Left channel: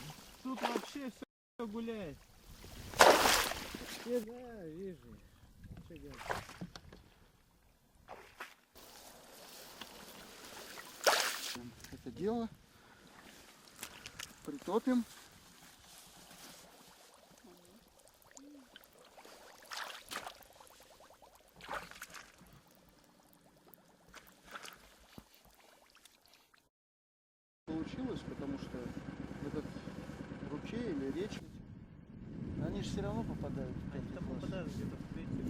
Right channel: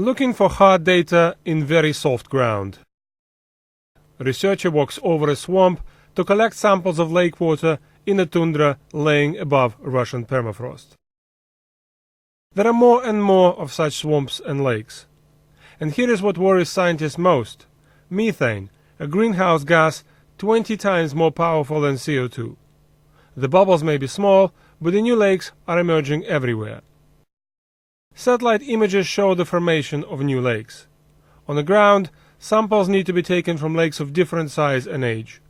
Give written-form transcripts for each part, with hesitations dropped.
Looking for hard data in very soft ground. A researcher walks over a swamp to collect samples of lake water in a tundra laying above Russian permafrost. There are more and more of such swamps and lakes. And here is what worries scientists most: methane, a greenhouse gas 20 times more powerful than CO2. The bubbles may be small, but the new lakes are emerging everywhere. Satellite images show the formation of new lakes. On the ground, samples need to be taken from lakes of different size and age.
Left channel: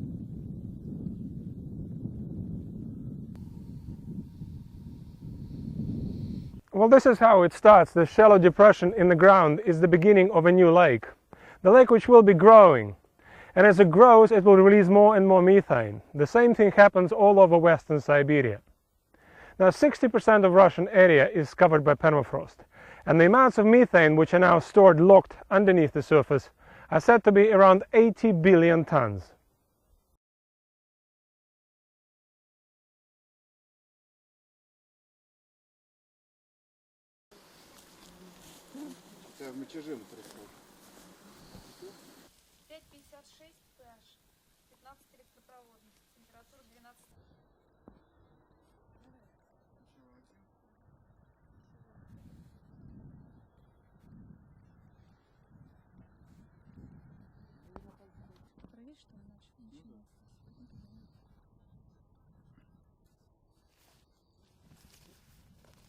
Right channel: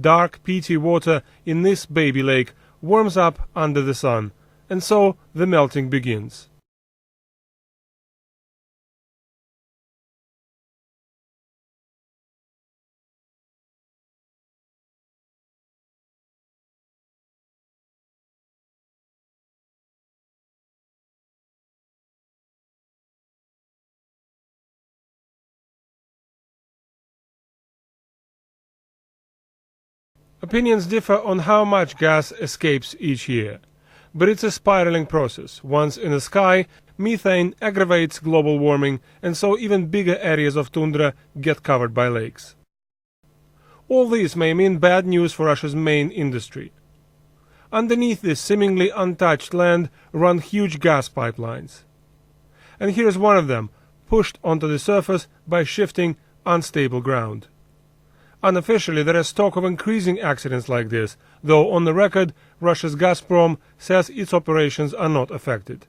Dark, peaty water in this baby lake warms up under the sun, and so the melting begins. Well, this is how it starts. The shallow depression in the ground is the beginning of a new lake. The lake which will be growing. And as it grows, it will release more and more methane. The same thing happens all over western Siberia. Now, 60% of Russian area is covered by permafrost. And the amounts of methane which are now stored locked underneath the surface are said to be around 80 billion tons. Opinions differ on how much gas escapes each year. But it's a spiraling process. Once in the sky, methane aggravates global warming, and so even bigger areas of tundra get covered by lakes. All this may mean bad news for Russia's main industry. Underneath this seemingly untouched land run huge gas pipelines. And here's one of them, pushed onto the surface by shifting, unstable ground. Unofficially, there is talk of increasing accidents like this, though on the record, Russia's Gazprom says its operations are not affected.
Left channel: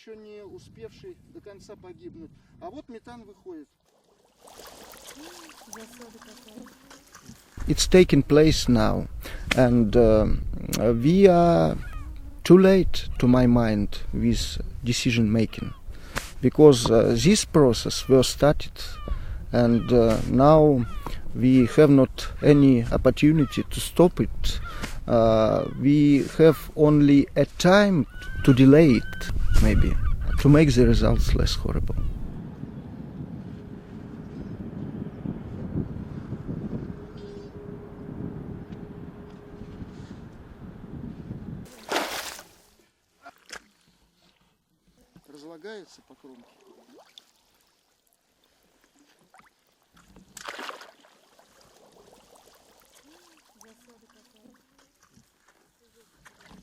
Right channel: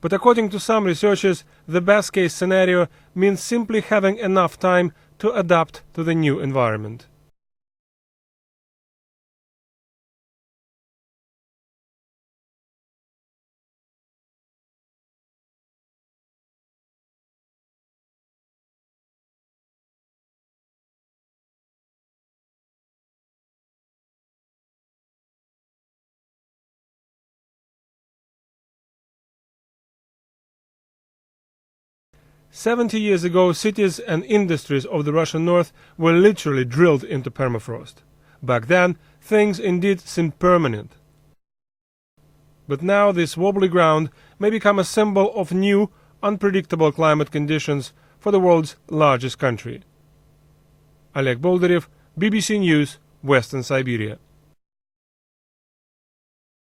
But according to some researchers, the best-case scenario means simply having enough time to adapt to the new environment. It's taking place now, and we are too late, to my mind, with decision-making, because this process was started, and now we have not any opportunity to stop it. We have only a time to delay it, maybe, to make the results less horrible. 70 years ago, cities and industries of the Russian north were literally drilled into permafrost. Back then, things indeed seemed permanent. But now this wobbly ground may become a symbol of new, unpredictable climate conditions for the world's largest country. Oleg Boldarev, BBC News, Western Siberia.